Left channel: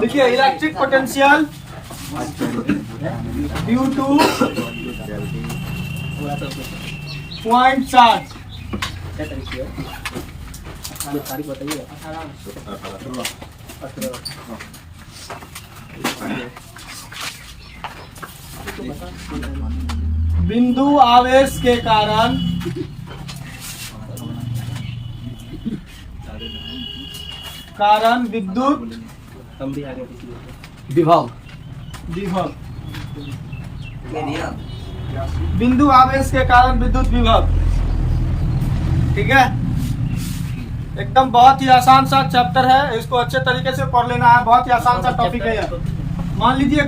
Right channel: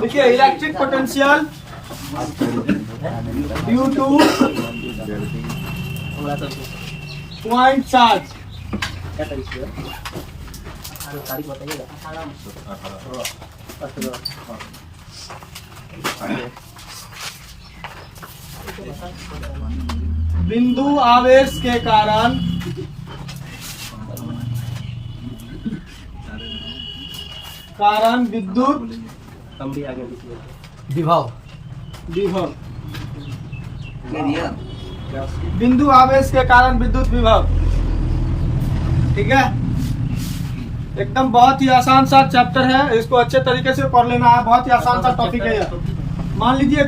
देखिए electric potential due two point charge. बिंदु आवेश के कारण विद्युत विभव बिंदु आवेश के कारण विद्युत विभव। ठीक है, एकदम बहुत ही आसान सा चैप्टर है, इसको अच्छे तरीके से पढ़ लेना है। बहुत ही आसान सा टॉपिक है यह। मान लीजिए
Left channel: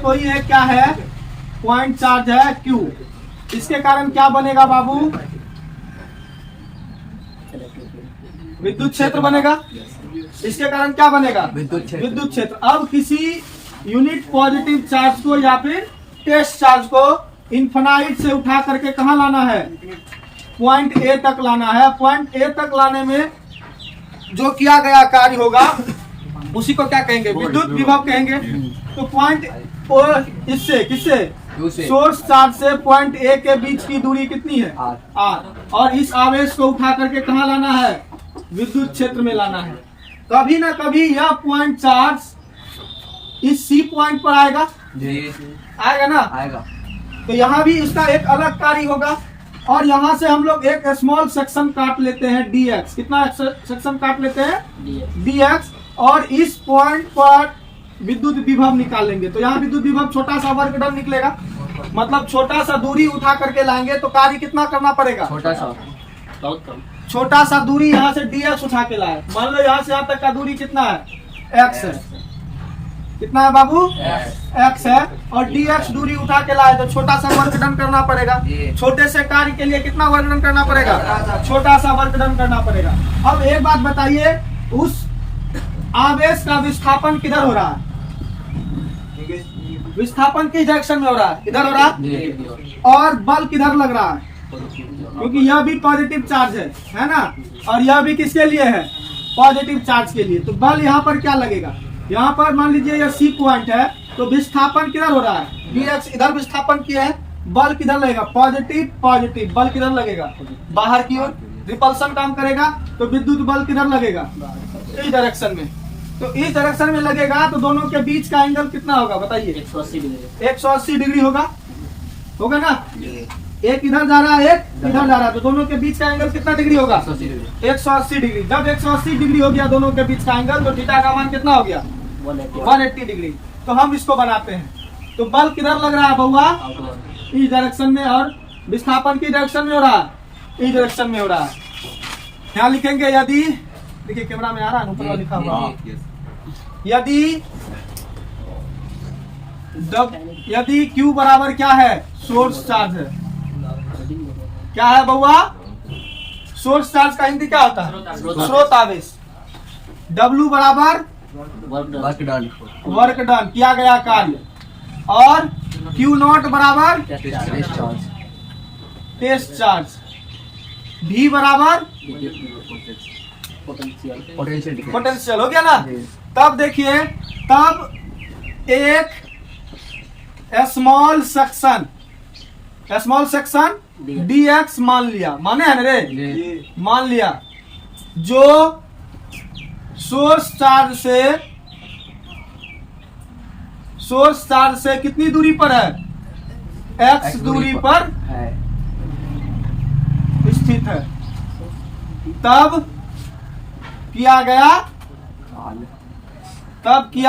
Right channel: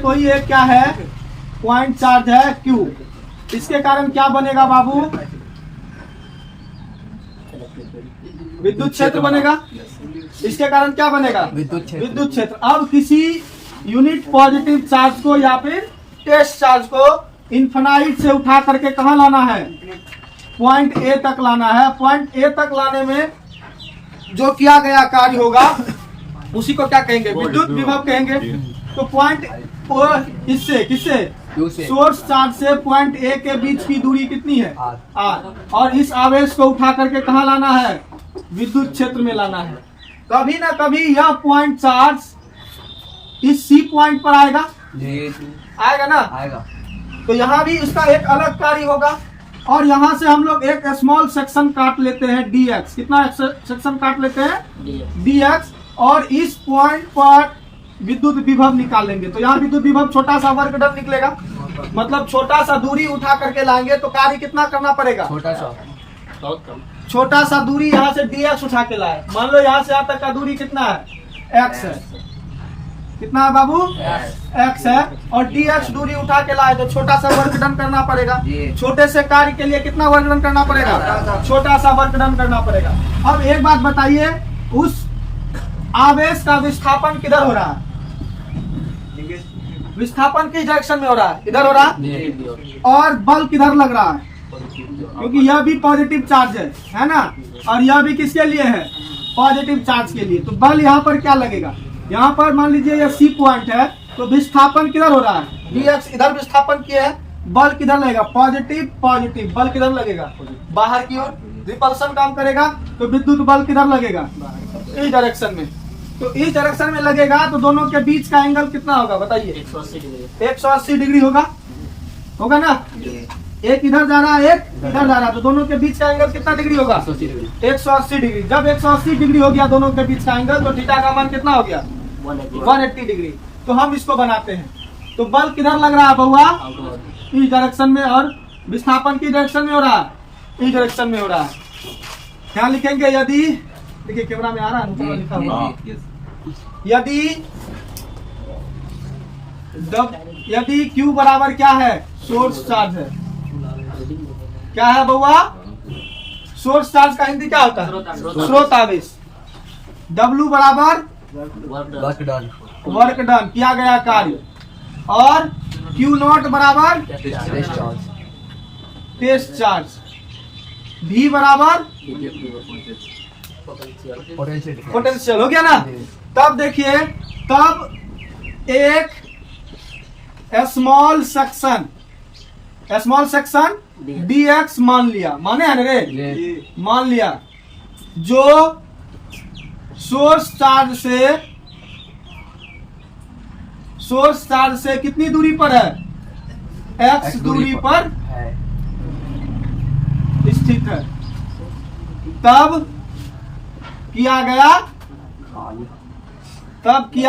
कोई एक क्या है, पॉइंट चार्ज है Q। इसके कारण क्या बनेगा बाबू? विद्युत क्षेत्र बनेगा। इसके कारण क्या बनेगा? विद्युत क्षेत्र। अब किसी यूनिट पॉजिटिव चार्ज को या फिर टेस्ट चार्ज को इन्फिनाइट से उठा करके कहाँ लाना है? पॉइंट ए तक लाना है। पॉइंट ए तक लाने में जो किया गया कार्य होगा उसी को क्या कहेंगे? विद्युत विभव कहेंगे। तो पॉइंट इससे किससे? सोर्स चार्ज से पॉइंट ए के बीच की दूरी कितनी है? आर। और इस आवेश को उठा करके कहाँ लाना है? विद्युत क्षेत्र में लाना है। कभी ना कभी यह पॉइंट चार्ज इस सी पॉइंट पर आएगा। आएगा ना? आएगा। तो यहाँ भी उसका एक अलग कार्य होगा। और यहाँ से हम लोग एक स्मॉल सेक्शन काट लेते हैं dx। कितना सेक्शन काट लेते हैं? dx। और इस पॉइंट पर विद्युत विभव निकाल लेंगे। तो यहाँ विद्युत विभव छोटा सा वर्क डन निकलेगा। मतलब छोटा सा दूरी उठा करके लाएंगे तो कार्य कितना करना पड़ेगा? छोटा सा दूरी यहाँ से dx उठा के लाए। मान लो यहाँ से यहाँ तक का दूरी कितना है? x है। कितना है बाबू? x है। और dx दूरी उठा के लाए तो छोटा सा वर्क डन करना पड़ेगा। छोटे से कार्य के लिए कितना वर्क डन करना पड़ेगा? छोटा सा वर्क डन करना पड़ेगा। अब एक बात बताइए, उस आवेश का विस्थापन किधर हो रहा है? विस्थापन किस डायरेक्शन में हो रहा है? इधर हो रहा है। और बल किधर लग रहा है? क्योंकि यह भी पॉजिटिव चार्ज है ना? और यह भी किसके लिए है? पॉजिटिव चार्ज के लिए। तो बल यहाँ पर क्या लगेगा? यहाँ पर मान लीजिए यह सी पॉइंट है तो विस्थापन किधर हो रहा है? dx इधर विस्थापन किया है। बल किधर लगेगा? पॉजिटिव। बल किधर लगेगा? बाहर की ओर। रिपल्सन काम करेगा तो विद्युत बल किधर लगेगा? इस डायरेक्शन में। तो इस डायरेक्शन में लगेगा तो दोनों के बीच का एंगल कितना होगा बताइए? 180 डिग्री होगा ना? एक इधर जा रहा है, एक इधर जा रहा है, तो दोनों के बीच का एंगल कितना डिग्री होगा? 180 डिग्री। जब 180 डिग्री हो गया दोनों के बीच का एंगल तो थीटा का मान कितना हो गया? 180 डिग्री। तो हम इसको बनाते हैं। तो बल किधर लग रहा है बउआ? इस डायरेक्शन में। और विस्थापन की डायरेक्शन में हो रहा है? इस डायरेक्शन में हो रहा है। यहाँ लिखेंगे यदि, देखिए कैमरा में आ रहा है, लिखा हुआ, यदि Q बराबर क्या है? सोर्स चार्ज है। क्या है बउआ? सोर्स चार्ज का हिंदी क्या होता है? स्रोत आवेश। W बराबर वर्क डन, किया गया कार्य। और Q नॉट बराबर टेस्ट चार्ज। V बराबर पोटेंशियल। हो गया ना? तब देखिए, तब एक स्मॉल सेक्शन dx मान लिया। माने है ना रे? मान लिया। जो सोर्स चार्ज से कितनी दूरी पर है? x दूरी पर स्थित है। तब किया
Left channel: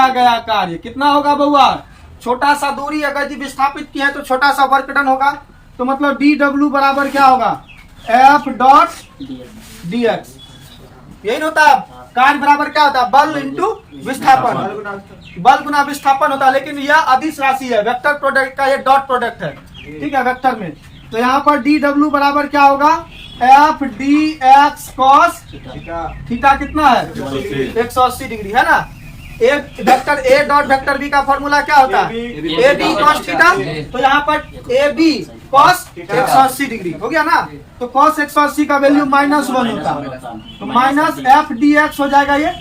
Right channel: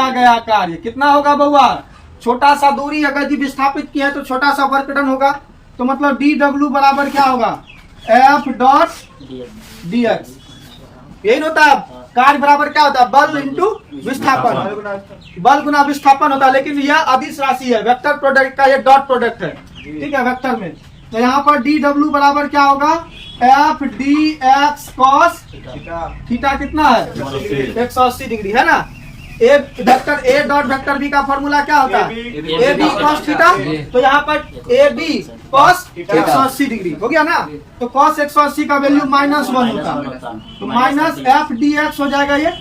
गया कार्य कितना होगा बउआ? छोटा सा दूरी अगर जी विस्थापित किया है तो छोटा सा वर्क डन होगा। तो मतलब dw बराबर क्या होगा? f dot dx। यही होता है। कार्य बराबर क्या होता है? बल इंटू विस्थापन। बल गुना विस्थापन होता है। लेकिन यह अदिश राशि है, वेक्टर प्रोडक्ट का ये डॉट प्रोडक्ट है। ठीक है, वेक्टर में। तो यहाँ पर dw बराबर क्या होगा? f dx cos थीटा कितना है? 180 डिग्री है ना? A vector A dot vector B का फॉर्मूला क्या होता है? A B cos theta. तो यहाँ पर ए बी कॉस 180 डिग्री हो गया ना। तो कॉस 180 का वैल्यू -1 होता है, तो माइनस एफ डी एक्स हो जाएगा। ये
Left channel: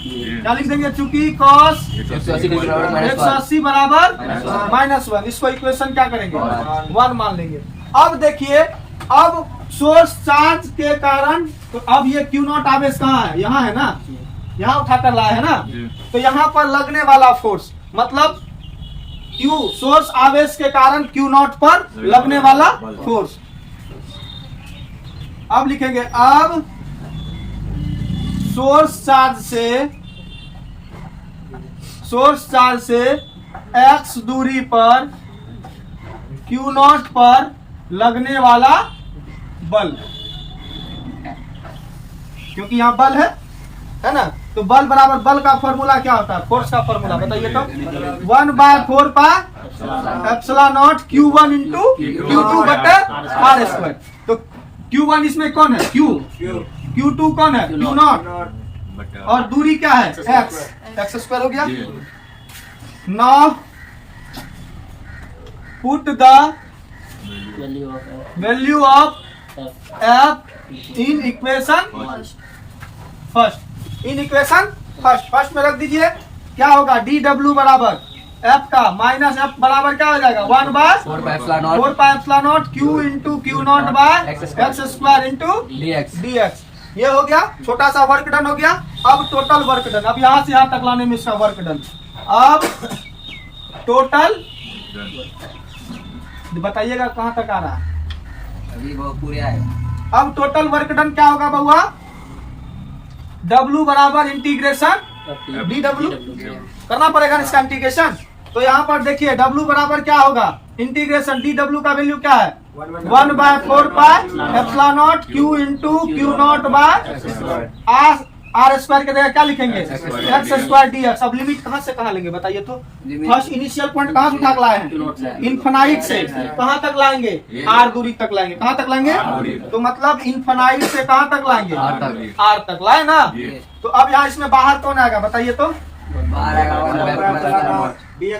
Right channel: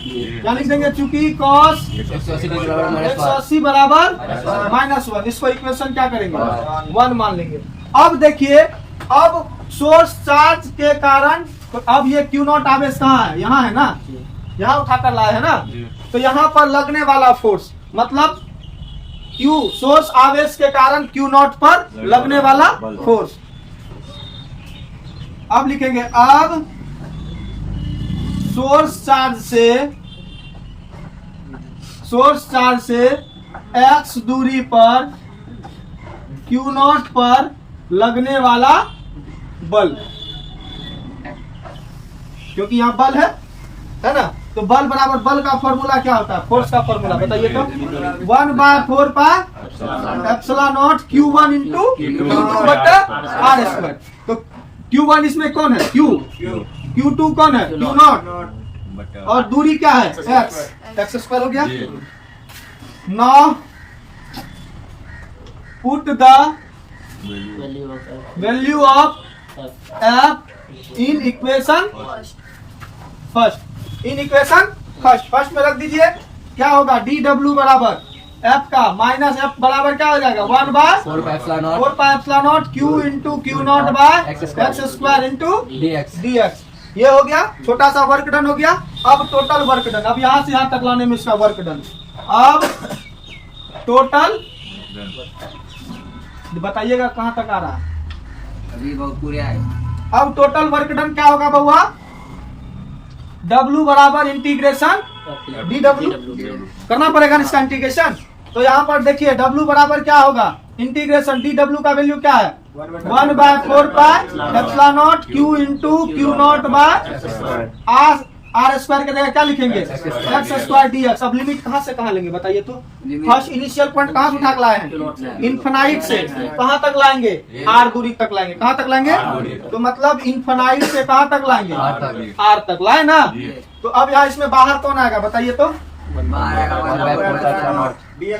क्या लिख देंगे? चूंकि कॉस 180 बराबर -1, इसको इक्वेशन क्या करेंगे? 1 मान लेंगे। अब देखिए, अब सोर्स चार्ज के कारण, तो अब ये क्यू नॉट आवेश कहाँ है? यहाँ है ना, यहाँ उठाकर लाया है ना। तो यहाँ पर लगने वाला फोर्स मतलब क्यू, सोर्स आवेश के कारण क्यू नॉट पर लगने वाला फोर्स। अब लिखेंगे, अब सोर्स चार्ज से x दूरी पर क्यू नॉट पर लगने वाला बल, क्योंकि यहाँ बल है ना। तो बल बराबर, बल का फॉर्मूला क्या होता है? फोर्स का फॉर्मूला बताइए तो। 1/4 pi epsilon not Q1 into Q2 बटा R स्क्वायर। तो Q1 इसमें कौन है? Q। Q2 कौन है? Q not. और दूरी क्या है? x स्क्वायर हो गया। Now put the value of f in equation first. First में रख दीजिए, क्या होगा? dw बराबर f का माइनस f बराबर क्या हो जाएगा? 1/4 pi epsilon not Q into Q not by x square into dx। ये हो गया, छोटा सा वर्क डन हो गया। अब टोटल वर्क डन, अब यहाँ से यहाँ तक लाने में इसका वर्क डन। अब टोटल बताइएगा कहाँ तक आ रहा है? अभी बहुत पूरे आए। अब टोटल वर्क डन क्या होगा बहुआ? W बराबर इंटीग्रेशन dw करना पड़ेगा ना इसका इंटीग्रेशन। तो यहाँ पर देखिए W बराबर क्या होगा? इंटीग्रेशन dw का वैल्यू क्या है? 1/4 pi epsilon not Q into Q not by R square के जगह क्या लिखेंगे? x square dx। अब लिमिट कहाँ से कहाँ लेंगे बताइए तो? फर्स्ट इनिशियल पॉइंट कहाँ से उठा के लाए हैं? इनफाइनाइट से कहाँ तक लाएंगे? R दूरी तक लाएंगे। कहाँ तक लाएंगे? तो मतलब इनफाइनाइट से कहाँ तक लाएंगे? R तक लाए ना। तो अब यहाँ इसमें बाहर कौन आएगा बताइए तो?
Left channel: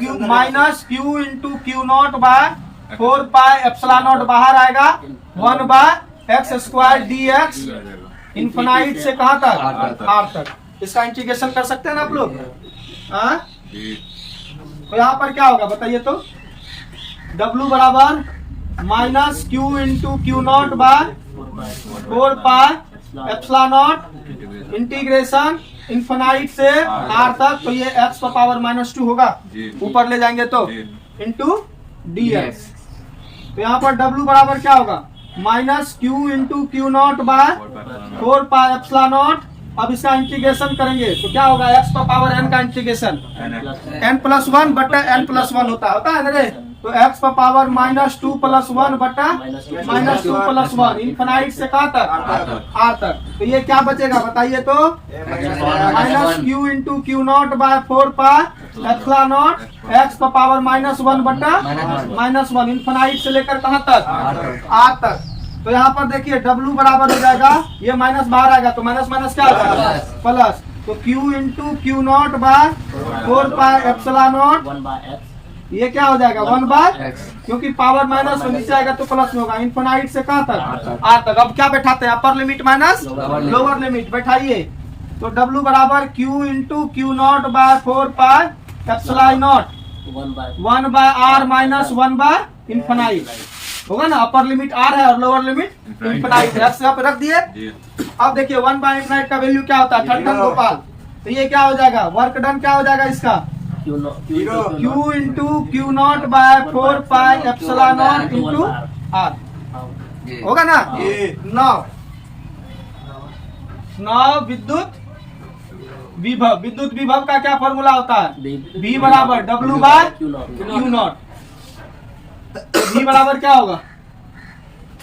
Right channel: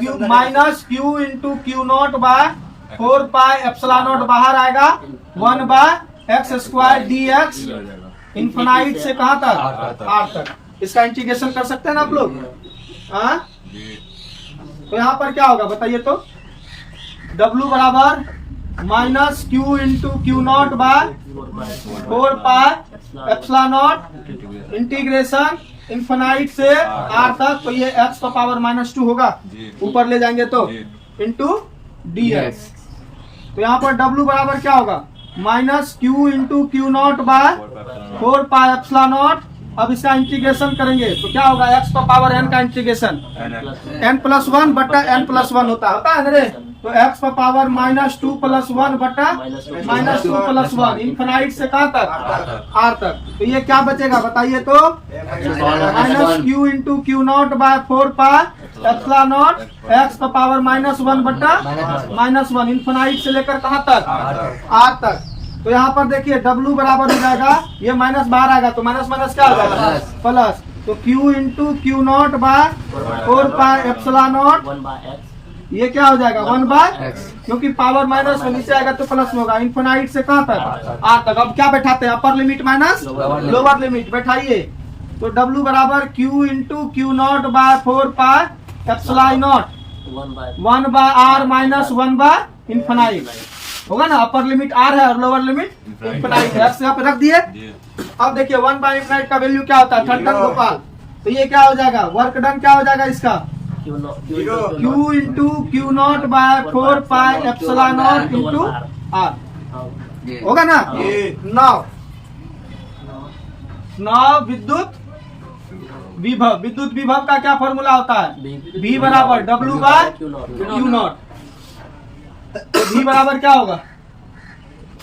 Q minus Q into Q not by 4 pi epsilon not बाहर आएगा 1/x स्क्वायर dx। इनफाइनाइट से कहाँ तक? R तक। इसका इंटीग्रेशन कर सकते हैं ना आप लोग? हाँ, तो यहाँ पर क्या होगा बताइए तो? W बराबर minus Q into Q not by 4 pi epsilon not integration infinite से R तक। तो ये x का पावर -2 होगा, ऊपर ले जाएंगे तो इंटू dx। तो यहाँ पर W बराबर क्या होगा? Minus Q into Q not by 4 pi epsilon not. अब इसका इंटीग्रेशन करेंगे तो क्या होगा? x का पावर n का इंटीग्रेशन n+1 बटा n+1 होता है ना रे। तो x का पावर -2 + 1 बटा -2 + 1 इनफाइनाइट से कहाँ तक? R तक। तो ये क्या बचेगा बताइए तो? Minus Q into Q not by 4 pi epsilon not x का पावर -1 बटा -1 इनफाइनाइट से लेकर कहाँ तक? R तक। तो यहाँ पर देखिए W बराबर हो जाएगा, ये माइनस बाहर आएगा तो माइनस माइनस क्या हो जाएगा? प्लस। तो Q into Q not by 4 pi epsilon not, ये क्या हो जाएगा? 1/x, क्योंकि पावर -1 नीचे आएगा तो प्लस में होगा। इनफाइनाइट से कहाँ तक? R तक। अब क्या बैठाते हैं? Upper limit minus lower limit बैठाइए। तो W बराबर Q into Q not by 4 pi epsilon naught 1/r minus 1/इनफाइनाइट होगा ना। अपर लिमिट R है और लोअर लिमिट इनफाइनाइट है। यहाँ पे रख दिए। अब देखिए 1/इनफाइनाइट का वैल्यू क्या होता है? ठट्ठन गोपाल। तो ये क्या हो जाएगा? वर्क डन क्या हो जाएगा इसका? Q into Q not by 4 pi epsilon not into R होगा ना। नाउ विद्युत विभव का क्या फॉर्मूला होता है? V बराबर W by Q not. V बराबर क्या होगा?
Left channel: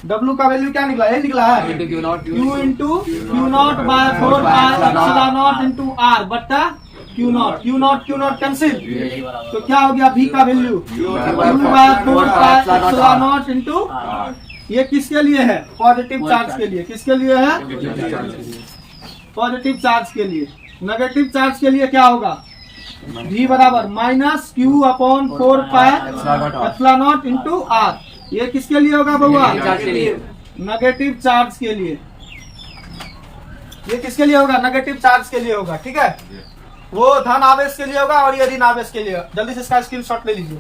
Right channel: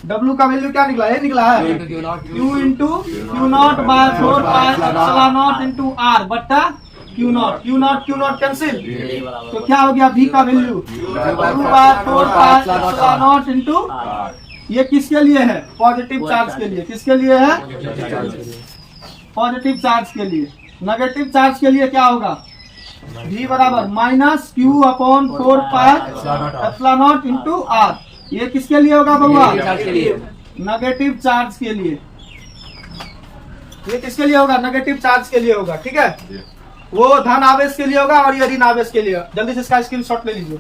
W का वैल्यू क्या निकला? ये निकला है Q into Q not by 4 pi epsilon not into R बट्टा Q नॉट कैंसिल। तो क्या हो गया? V का value Q by 4 pi epsilon not into. ये किसके लिए है? पॉजिटिव चार्ज के लिए। किसके लिए है? पॉजिटिव चार्ज के लिए। नेगेटिव चार्ज के लिए क्या होगा? V बराबर minus Q upon 4 pi epsilon not into R। ये किसके लिए होगा बउआ? नेगेटिव चार्ज के लिए। ये किसके लिए होगा? नेगेटिव चार्ज के लिए होगा। ठीक है, वो धन आवेश के लिए होगा और ये ऋण आवेश के लिए। जल्दी से इसका स्क्रीनशॉट ले लीजिए।